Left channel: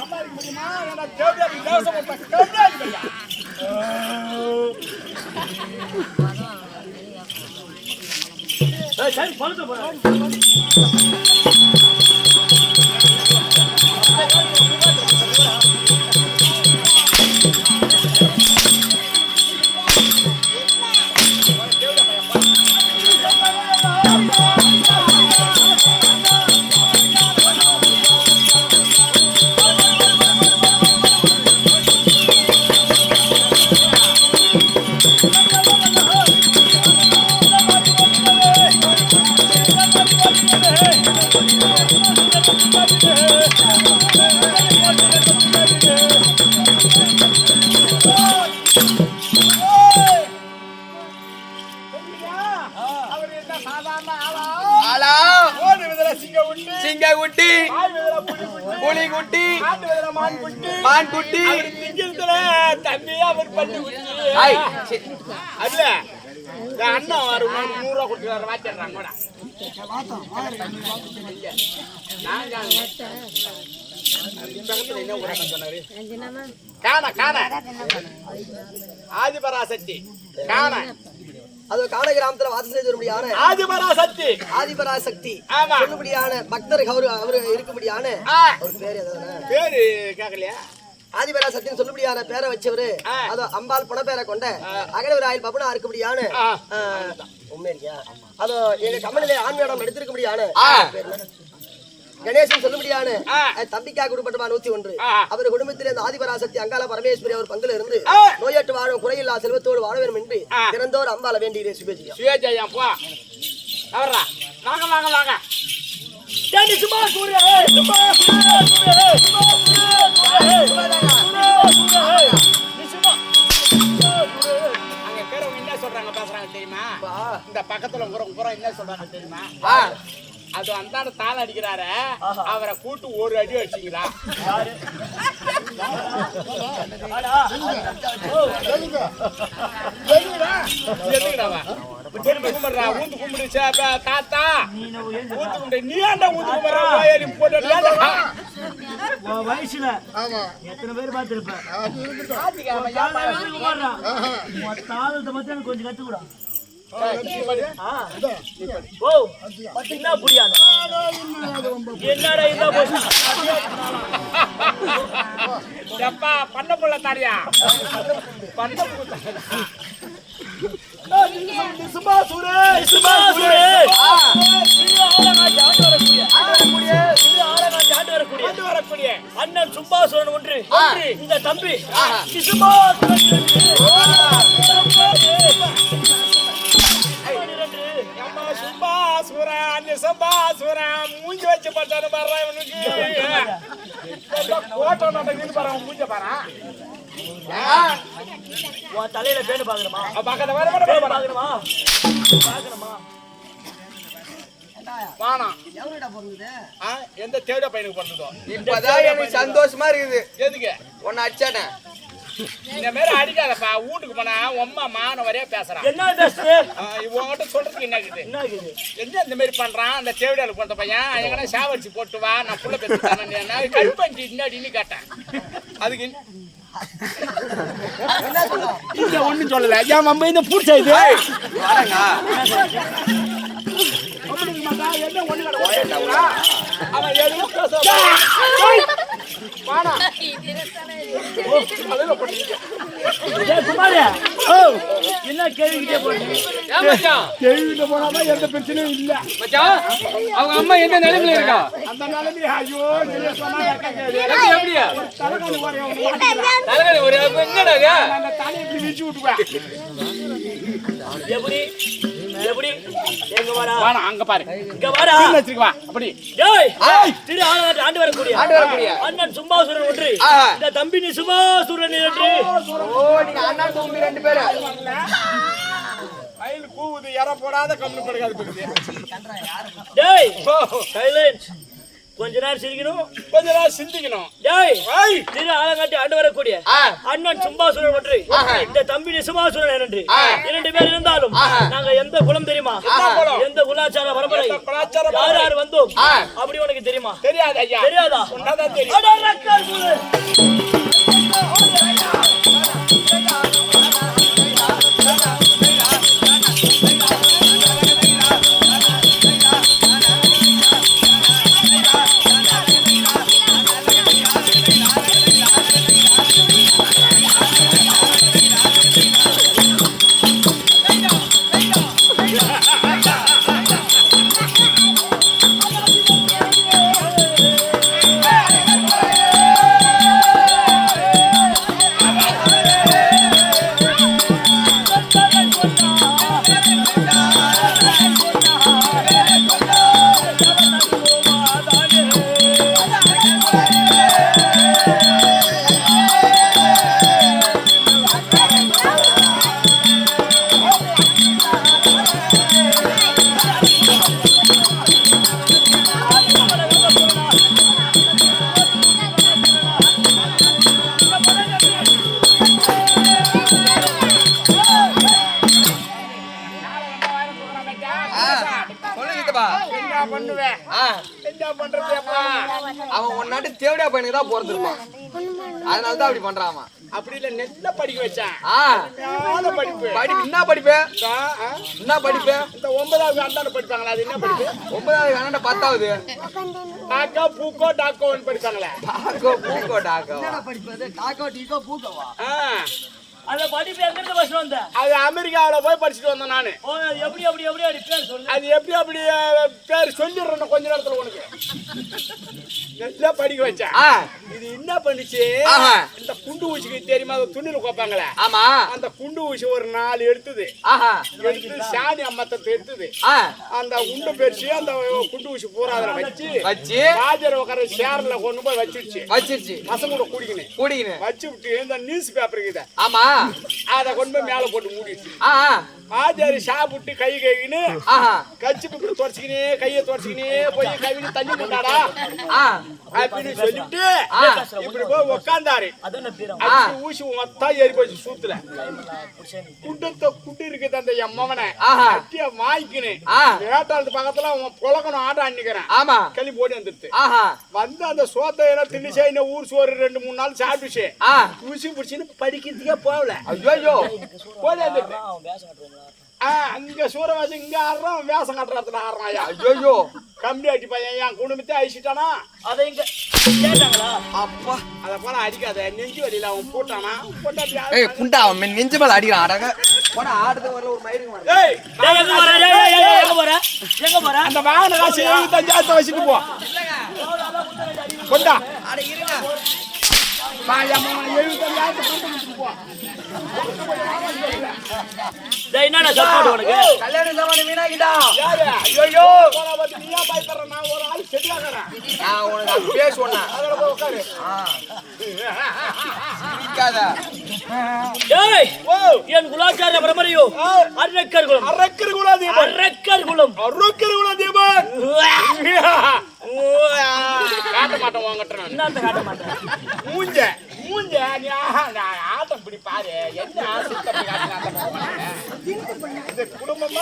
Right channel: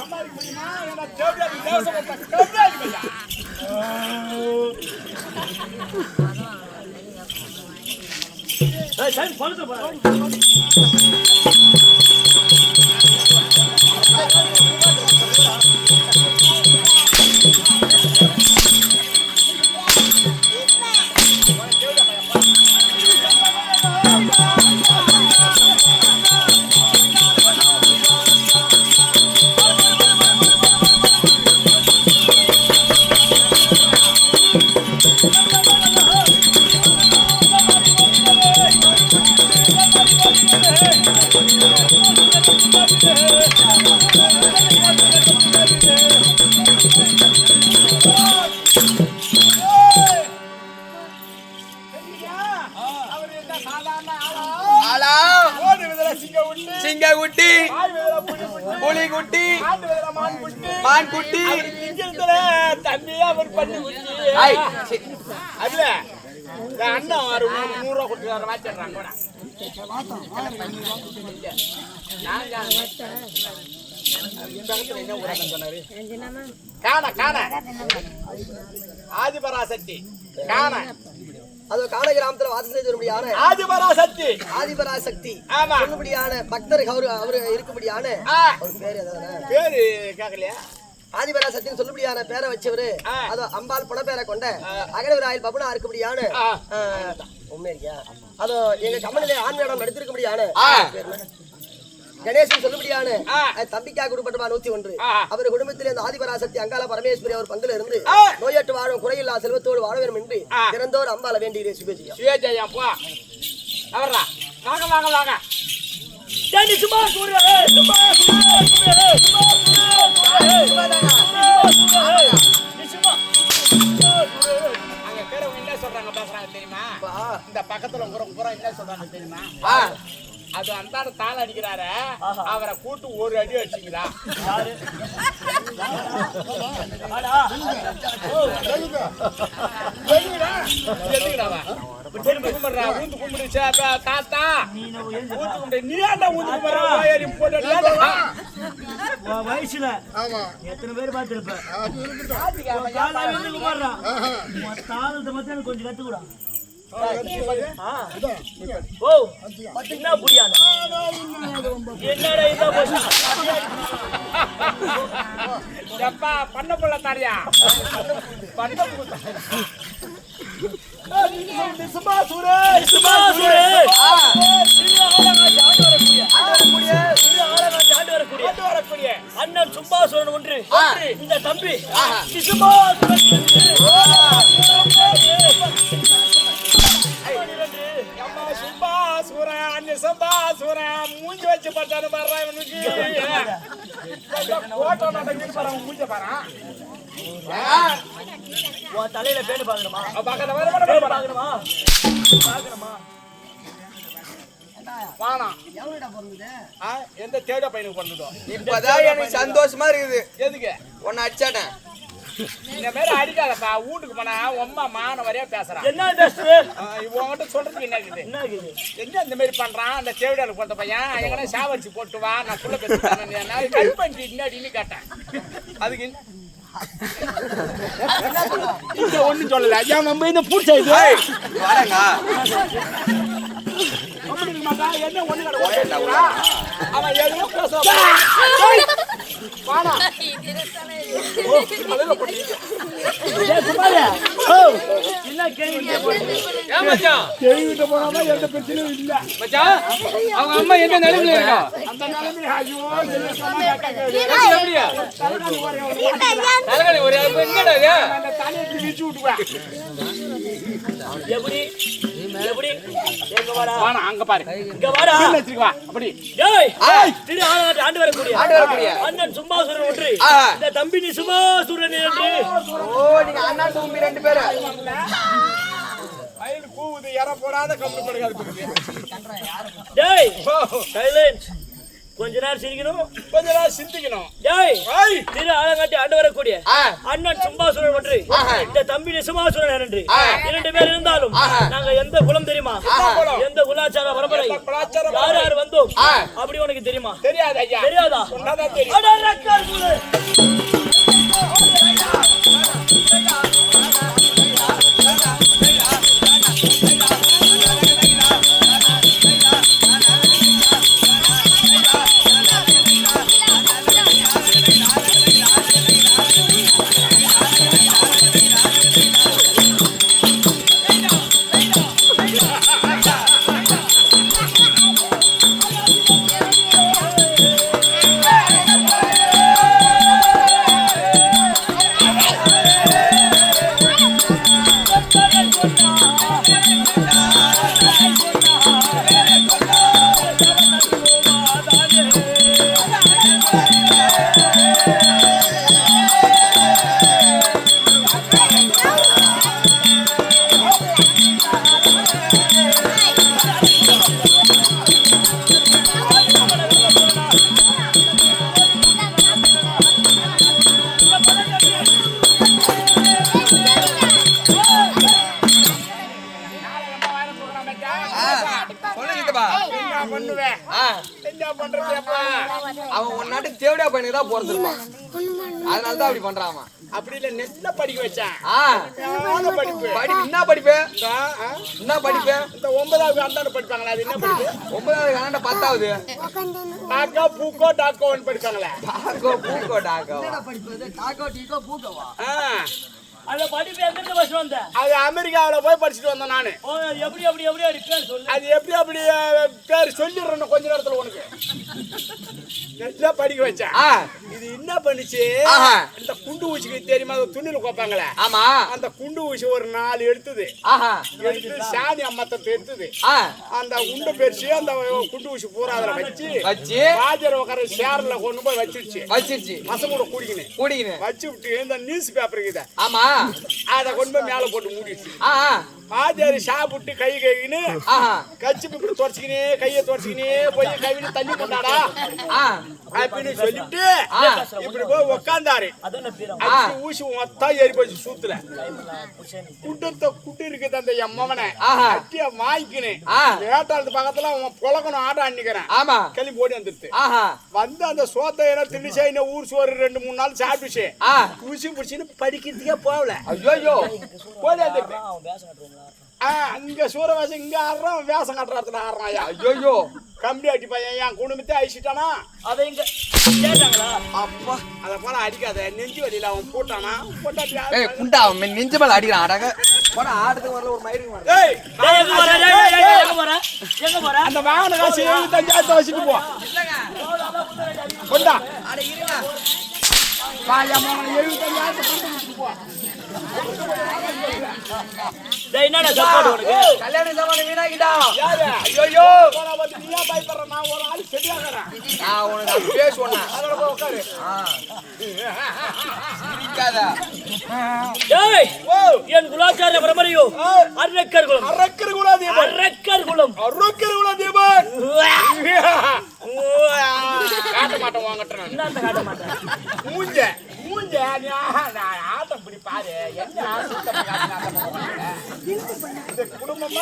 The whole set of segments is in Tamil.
சம்பாதிக்க முடியுமா? ஏன்னா தேவையான தேவசம் கம்மியாகி பையா. சரி பழுத்து போறேன். சிங்கக்குட்டி, புலிக்குட்டி, மான்குட்டி, தண்ணி அவர் பண்ணி அதுல அண்ணா 100 ரூபா கொடுத்து வாச்சிடுறாங்க. ஆதிபராசக்தி அது காண கிராமத்துல வாசம் செய்தபடியான ஆதிபராசக்தி ஆதிபராசக்தி சொல்லுபடியான பக்தர் அவரு இருக்கும்படியான ஒரு பேரு பேரு கேட்கலையா? ஆதிபராசக்தின்னு சொல்லுபடியான பேரை வச்சவரு அது அம்பாள் புன பேரை கொண்ட அகலவராயில் பபுனா இருக்கும்படியான உண்மை இருக்கியா? அதோ எங்க கமலிலே ஆண்மையிடம் நடித்திருக்கும்படியான கணேசன் சொல்லுபடியான தம்பிக்காக உட்பட்டமா 101 அவர் குடும்பத்திலே இந்த ஆதிபராசக்தி அங்காள பரமேஸ்வரி அவர் பங்குல இருந்து நோயற்று வாழும் குறையில்லா செல்வத்தோடு வாழ வேண்டும் என்று திறந்தோர் அம்பாள வேண்டியதே சுபேஜியா. இந்த பக்கத்துல என்ன சொல்றாங்க தெரியுமா? அது அந்தாட தாள அடிக்கிறாரு, அவரை கூட்டு ஒரு அடி வச்சுக்கிறா. தாத்தா வயசுல எத்தனை பேர் பார்த்திருப்ப? கொஞ்சம் கத்துக்கூடா. பண்ண போல தாரியா அண்ணன் சும்பாசுரன் ஒன்று இந்த தம்பி மூஞ்சி வச்சு பார்த்தாரு பாரு மூஞ்ச பாரு. உன் தலையில பேரு பாக்கணுமா? எந்த தேட பையனுக்கு பிறந்ததோ இப்பதான் எனக்கு சந்தோஷமா இருக்குது. எதுக்கு உன்னை அச்சானேன் இந்த மாதிரி அடிக்காதப்பா. வீட்டுக்கு போனா அம்மா மான வரையா பேசுறான். என்ன பேசுறேன் உங்ககிட்ட சொல்றதுக்கு என்ன இருக்குது? என்ன இந்த மாதிரி பண்றான்? அந்த தேவையாளுக்கு போட்ட பையன் எங்கன்னா சாவடிச்சு போட்டு வா, நான் புள்ள பேசுறேன் கழுப்பஞ்சி இன்னாடின்னு கேட்டேன். அதுக்கு ஒண்ணு சொல்லல. ஏன் மம்ப இந்த பூச்சா இது என்ன ஒண்ணு அவன் எதுவும் என்ன கேள்வி போனாதான் எந்த பிரச்சனையும் இல்ல. அவங்க அம்மா எந்த நிலைமையில இருக்கா? அந்த நிலைமை ஐயோ எப்படியா தலைவலி ஒரு தண்ணி வீச்சு விட்டுவேன். எப்படி எப்படி எங்க வாடா அங்க பாரு இங்க வாடா வச்சிருக்கா. அப்படி டேய் திரு ஆண்டு வரக்கூடிய அண்ணன் சும்மாசுரன் ஒன்று இந்த தம்பி நீ சும்மாசுரன் என்று. ஓ நீங்க அண்ணா தம்பி ரெண்டு பேரு ஐல் கூவுது யார போடாத கம்பு படுகாது. டேய் சைலன்ஸ். கொஞ்ச நேரம் சிரிக்கணும், கொஞ்ச நேரம் சிந்திக்கணும். டேய் திரு ஆலங்காட்டி ஆண்டு வரக்கூடிய அண்ணன் சும்பாசுரன் ஒன்று இந்த தம்பி நிசுமாசுரன் என்று 2 பேர் இருந்தாலும் நாங்க எந்த குலம் தெரியுமா? எந்த குலாச்சார பரம்பரை யார் யார் வந்தோம் அப்படி உனக்கு தெரியுமா? தெரியாது ஐயா. தெரியாதா? சொன்னாதான் தெரியும். பண்ணுவேன். என்ன பண்றது அப்பா? அவன் உன்னாட்டு தேவடியா பையனுக்கு தான் பிறந்திருப்பான். அதனால தான் அப்படி பண்றான் அவன். அப்படி இல்ல நெல்ல படிக்க வச்சான். படிப்பு என்ன படிப்பு? என்ன படிப்பு? இந்த 9வது அண்டாண்டு படிப்பாங்களா? அது என்ன படிப்பு? 9வது அண்டாண்டு 10வது டாக்கோ பூக்கோ டாக்கோன்னு படிப்பாங்களே. டாக்கோ பூக்கோ டாக்கோ. என்னடா படிப்பது? டாக்கோ டீக்கோ பூக்கோவா? அந்த படிப்பு எங்க இருந்து பஸ் வந்த? அது அமெரிக்காவில போய் படிச்சுட்டு வந்தேன் நானு. ஓ எப்படி அப்படி பேர் சொல்லு. அது எப்படி பேர் சொல்லிடுறேன் கொஞ்ச நேரத்துல உனக்கு. நல்லா படிக்க வச்சேன். இது என்ன பண்ணுச்சு? இந்த குண்டு ஊசிக்கு தெரியுமா? துணியில கோப்பாங்களே. ஆமா. அந்த குண்டு ஊசி ஒரு 4 எடுத்தது. எடுத்து சாணி அம்மத்தை எடுத்தது. அந்த உண்டு பெருசு அந்த குண்டு ஊசி பூரா அதுல வச்சு ராஜர் உட்கார சேர்ல கொண்டு போய் வச்சிருச்சு. பசங்க கூட கூடிக்கினு வச்சு விட்டு இந்த நியூஸ் பேப்பர் இருக்குது. ஆமா. அத கொண்டு போய் மேல போட்டு மூடிடுச்சு. ஆஜாரி சாப்பிட்டு கை கழுவின்னு கச்சி இப்படி தொடச்சிக்கினே கையை தொடச்சிக்கினே போய் கழுவின்னு தண்ணி போட்டாடா அப்படின்னு சொல்லிட்டு இப்படி போய் உக்காந்தாரு. ஊசி மொத்தம் ஏறி போச்சு சூத்துல. குட்டு இருக்குது அந்த எம்மவனை கட்டிய வாய்க்கினு வேட்டாளத்து பக்கத்துல அவன் புழக்கணும் ஆட அன்னிக்கிறேன். கிளம்பி ஓடி வந்துருச்சு. வந்து அந்த சோத்தை திணிச்சா இன்னும் ஊர் சோறு 2-3 நாள் சாப்பிடுச்சு. ஊசி பிடிச்சின்னு படிக்கிறதுக்கே போகல. ஐயோ போய் அங்க சூரவாசி இங்க ஆடுறான் வேஷம் கட்டுறதுல ஆடுறான். ஐயோ கம்பி அடி பையன் என் குடும்பத்தை அழிச்சிட்டானா? அதை இங்க கேட்டாங்களா? அப்பா அத போல அடிக்காத நெஞ்சு வலியில அவன் போட்டானா? புண்டா அவன் நெஞ்சு மேல அடிக்கிறான். அடங்க போனா ஆடுறதுக்கு வரல ஒரு மயிருக்கு வரல. எங்க போற? அந்த வாகன காசு 75,000 வச்சுட்டு போ. கொண்டா அட இருங்க. பாயமா 75,000 போ. என்னடா சாப்பாடு உனக்கு? கல்யாண சாமான் வீணாக்கிட்டா. யாரு? ஐயோ போனா வந்து நீயா பயப்படுற? நான் ஒரு ஆள் செடியாகறேன். நான் உனக்கு அது பேச சொன்னேன். அதல போய் உட்காரு. நிக்காத. டேய் என் குலாச்சார பரம்பரையோ அரக்கர் குலம். காட்ட மாட்டேன் வாங்கட்டேன். என்னத்த காட்ட மாட்டேன்? மூஞ்ச நீ ஆட்டம் பிடி பாரு. என்ன ஆசை காட்டுறாங்க இந்த குடும்பம்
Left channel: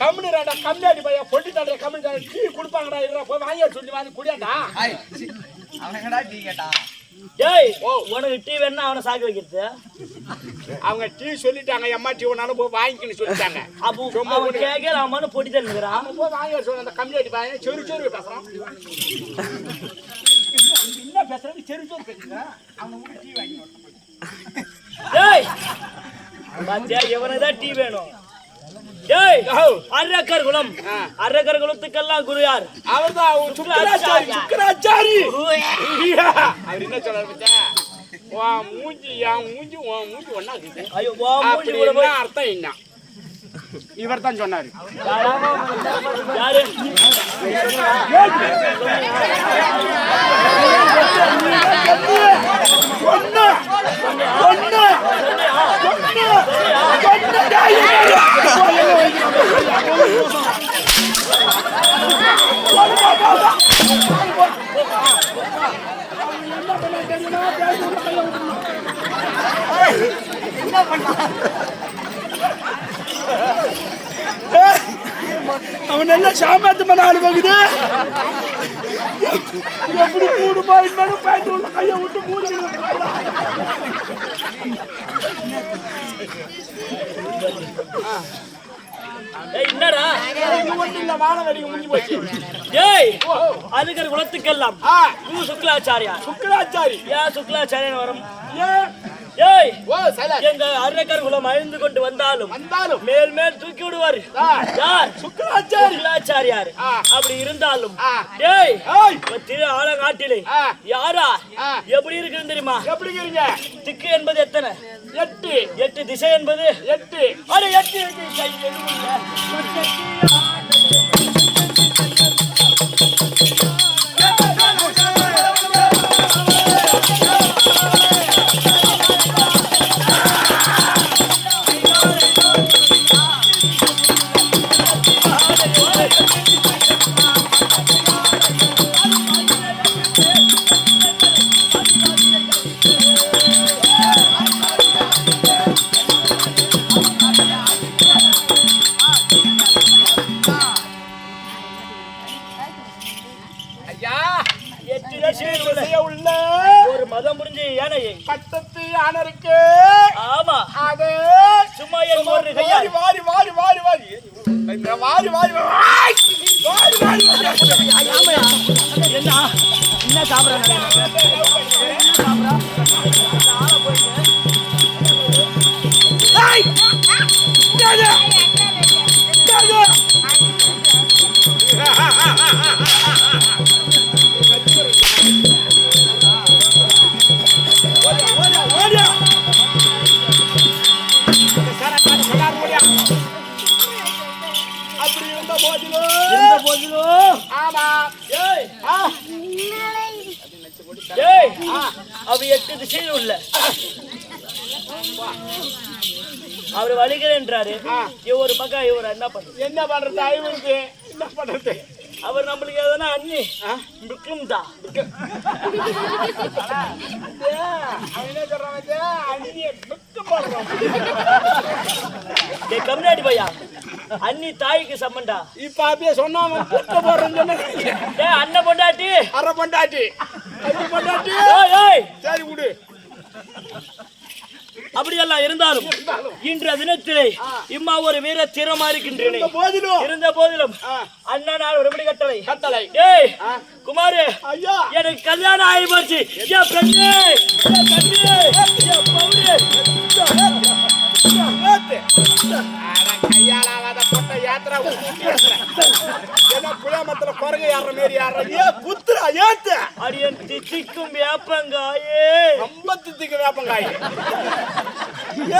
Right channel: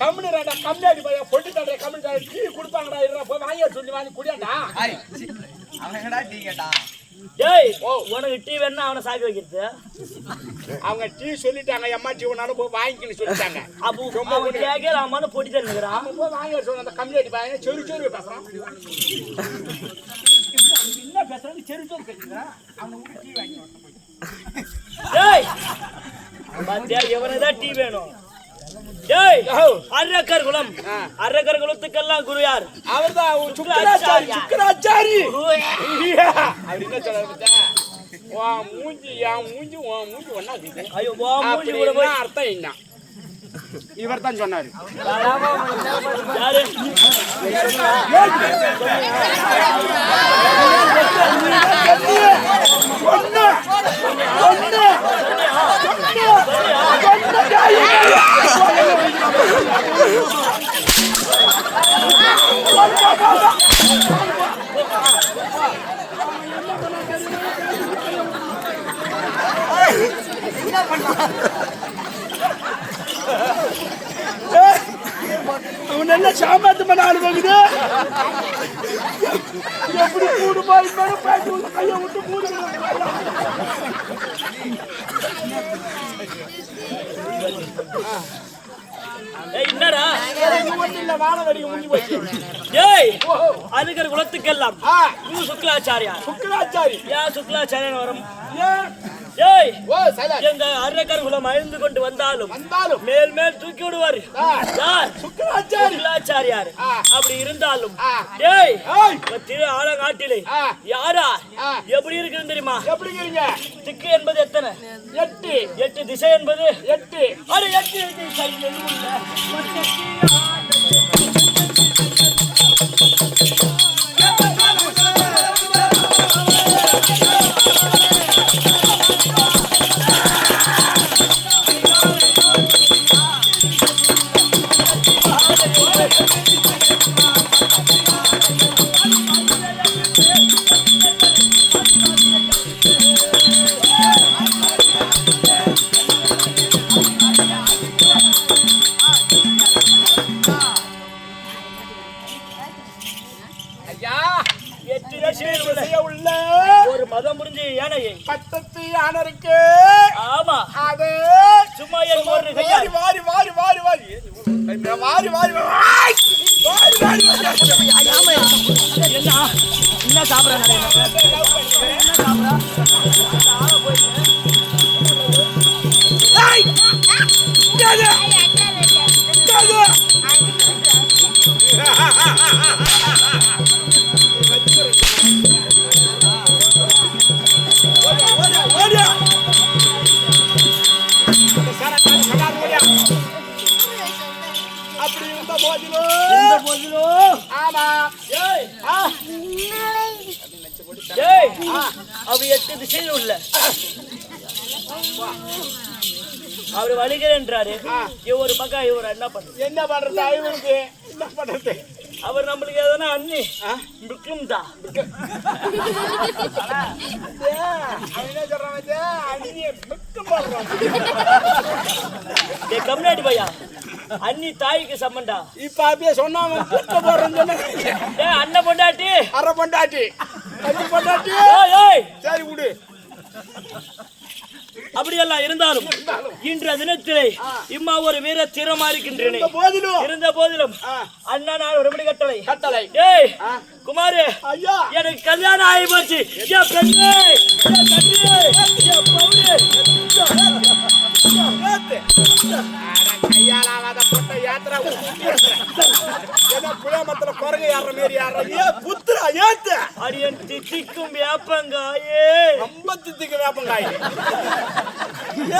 கம்முனிராடா கம்மியாடி பையா பொட்டிட்டாடா கம்முனிடா டீ கொடுப்பாங்கடா. இருடா போய் வாங்கி சொல்லி வாங்கி குடியாடா. அவன் என்னடா டீ கேட்டான்? டேய் உனக்கு டீ வேணா அவனை சாக்கி வைக்கிறது. அவங்க டீ சொல்லிட்டாங்க. எம்மா டீ ஒன்னாலும் போய் வாங்கிக்கணும்னு சொல்லிட்டாங்க. அப்போ அவன் கேட்கல அவன் போட்டி தருகிறான். போய் வாங்கி சொல்ல அந்த கம்மியாடி பையன் செரு பேசுறான். என்ன பேசுறாரு? செரு பேசுறான். அவனை விட்டு டீ வாங்கி டேய் பாத்தியா இவனுக்குதான் டீ வேணும். டேய் அரக்கர் குலத்துக்கெல்லாம் குரு யார்? அவர்தான் சுக்கராச்சாரி. அவர் என்ன சொல்றாரு பச்சா? வா மூஞ்சி என் மூஞ்சி உன் மூஞ்சி ஒண்ணா இருக்குது. ஐயோ வா மூஞ்சி கூட போய் அர்த்தம் என்ன? இவர் தான் சொன்னாரு. யாரு சொன்னியா? அவன் என்ன சாமாத்து பண்ண ஆளுங்குது. எப்படி கூடு பாருங்க பேட்டு உள்ள கையை விட்டு மூடிக்கிறது. என்னடா இல்ல வானம் வெடிக்க முடிஞ்சு போச்சு. டேய் அரக்கர் குலத்துக்கெல்லாம் குரு சுக்லாச்சாரி. ஏன் சுக்லாச்சாரியன் வரும்? ஏய் எங்க அரக்கர் குலம் அழிந்து கொண்டு வந்தாலும் மேல் தூக்கி விடுவார் யார்? சுக்லாச்சாரியார். அப்படி இருந்தாலும் டேய் திரு ஆலங்காட்டிலே யாரா எப்படி இருக்குன்னு தெரியுமா? திக்கு என்பது எத்தனை? 8 திசை என்பது 8. அட 8 திசை மதம் புரிஞ்சு யானையை பட்டத்து யானை இருக்கு. ஆமா அது சும்மா என் ஒரு கையால் வாரி வாரி வாரி வாரி இந்த வாரி வாரி வாரி வாரி வாரி என்ன என்ன சாப்பிடுறேன் அப்படி இருந்த போதிலோ ஆமா அவ 8 திசையில் உள்ள அவர் வலிக்கிறேன்றாரு. இவர் பக்கம் இவர் என்ன பண்றது? என்ன பண்றது? ஐவருக்கு என்ன பண்றது? அவர் நம்மளுக்கு எதனா அண்ணி முக்கியம் தான். கம்னாடி பையா அண்ணி தாய்க்கு சம்மண்டா. இப்ப அப்படியே சொன்னாங்க அண்ணன் பொண்டாட்டி அரை பொண்டாட்டி அஞ்சு பொண்டாட்டி. சரி விடு. அப்படியெல்லாம் இருந்தாலும் இன்றைய தினத்திலே இம்மா ஒரு வீர தீரமா இருக்கின்றேன். இருந்த போதிலும் அண்ணா நான் ஒரு மணி கட்டளை ஏய் குமாரு ஐயா எனக்கு கல்யாணம் ஆகி போச்சு. என் பெண்ணே என் கண்ணே என் பவுனே கையாளாத பொட்ட யாத்திரா என்ன புளியமரத்துல குரங்கு ஏற மாரி ஏற குத்துறா ஏத்து அடியன் தித்திக்கும் வேப்பங்காயே ரொம்ப தித்திக்கும் வேப்பங்காயே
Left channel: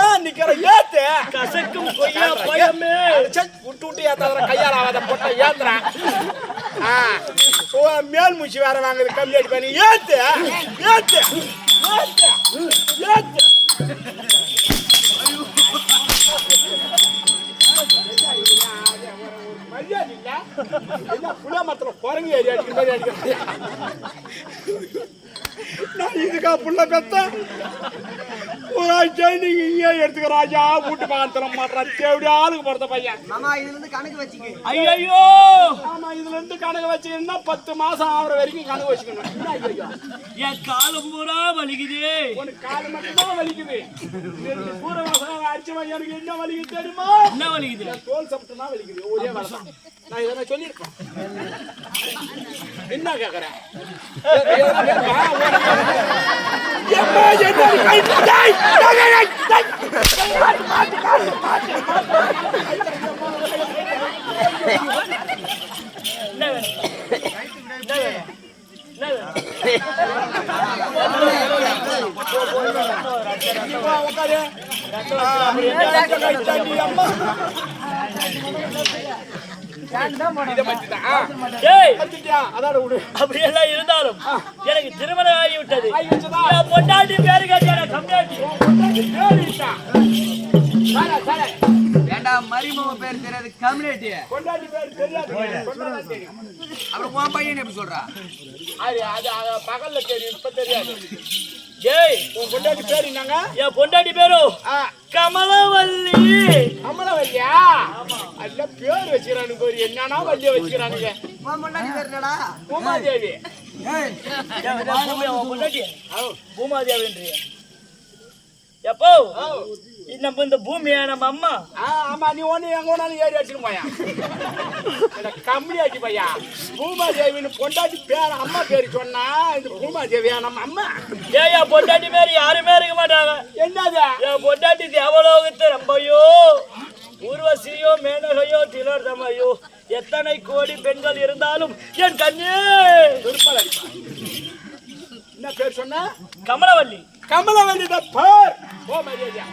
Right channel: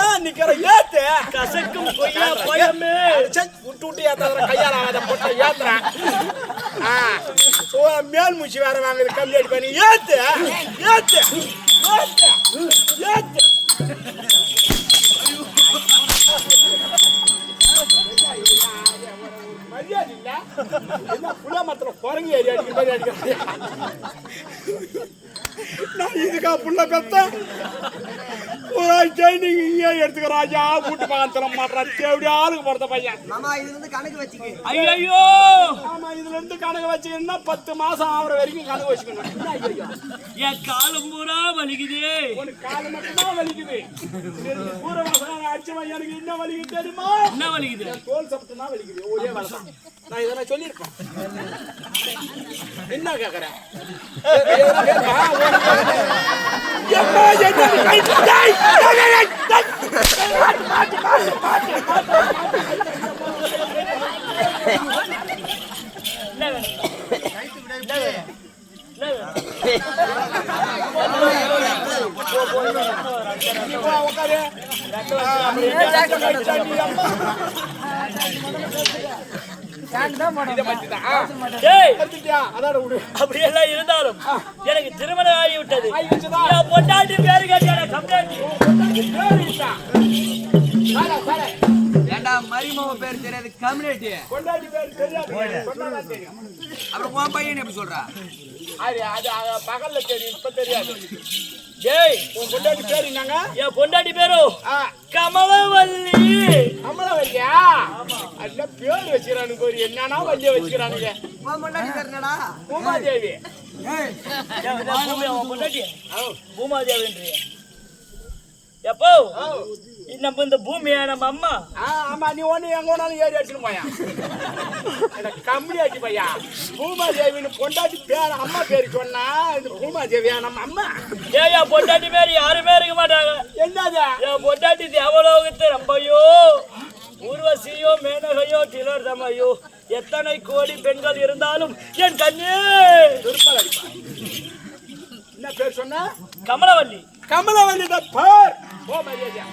ஏன் நிக்கிற ஏத்து கசக்கும் கொய்யா பழமே விட்டு விட்டு ஏத்தாத கையாளாத பொட்ட ஏத்துறா மேல் மூச்சு வேற வாங்குது கம்ப்ளீட் பண்ணி ஏத்து ஏத்து ஏத்து ஏத்து மரியாதை இல்ல என்ன புளியமரத்துல குரங்கு ஏறி அடிக்கிற மாதிரி அடிக்கிறேன். நான் இதுக்கா புள்ள பெத்த ட்ரைனிங் இங்கே எடுத்துக்க ராஜா கூட்டு பக்கத்துல மாட்டான் தேவையா ஆளுக்கு போறத பையன். மாமா இதுல இருந்து கணக்கு வச்சுக்க. ஐயோ ஆமா இதுல இருந்து கணக்கு வச்சுக்கணும்னா 10 மாசம் ஆகுற வரைக்கும் கணக்கு வச்சுக்கணும். ஐயோ என் காலம் பூரா வலிக்குது. உனக்கு காலம் மட்டும்தான் வலிக்குது. பூர மாசம் அடிச்ச எனக்கு என்ன வலிக்குது தெரியுமா? என்ன வலிக்குது? தோல் சப்பட்டு தான் வலிக்குது. ஒரே வேலைதான். நான் இதெல்லாம் சொல்லியிருக்கேன். என்ன கேட்கறேன்? அப்படியெல்லாம் இருந்தாலும் எனக்கு திருமணம் ஆகிவிட்டது. பொண்டாட்டி பேரு கேட்டா கம்மியாட்டி மரிமவ பேர் தெரியாது கம்யூனிட்டி பொண்டாட்டி பேர் தெரியாது. அப்புறம் உன் பையன் எப்படி சொல்றா? அது பகல்ல தெரியும் இப்ப தெரியாது. ஏய் உன் பொண்டாட்டி பேர் என்னங்க? என் பொண்டாட்டி பேரு கமலவல்லி. கமலவல்லியா? அல்ல பேர் வச்சுக்கிறானுங்க பேரு என்னன்னா வல்லிய வச்சுக்கிறானுங்க. பொண்டாட்டி பேர் என்னடா? பூமாதேவி. பொண்டாட்டி பூமாதேவின்றிய எப்போ நம்ம இந்த பூமியா நம்ம அம்மா? ஆமா நீ ஒண்ணு எங்க ஒண்ணாலும் ஏறி அடிச்சுட்டு போயா கம்பெனி ஆச்சு பையா. பூமாதேவின்னு பொண்டாட்டி பேர் அம்மா பேரு சொன்னா இது பூமாதேவியா நம்ம அம்மா? ஏயா பொண்டாட்டி பேரு யாருமே இருக்க மாட்டாங்க. என்னது? என் பொண்டாட்டி தேவலோகத்து ரொம்பையோ ஊர்வசியோ மேனகையோ திலோத்தமையோ எத்தனை கோடி பெண்கள் இருந்தாலும் என் கண்ணே திருப்பல் அடிப்பா. என்ன பேர் சொன்ன? கமலவல்லி. கமலவல்லி தான் பேர். ஓ மரியாதை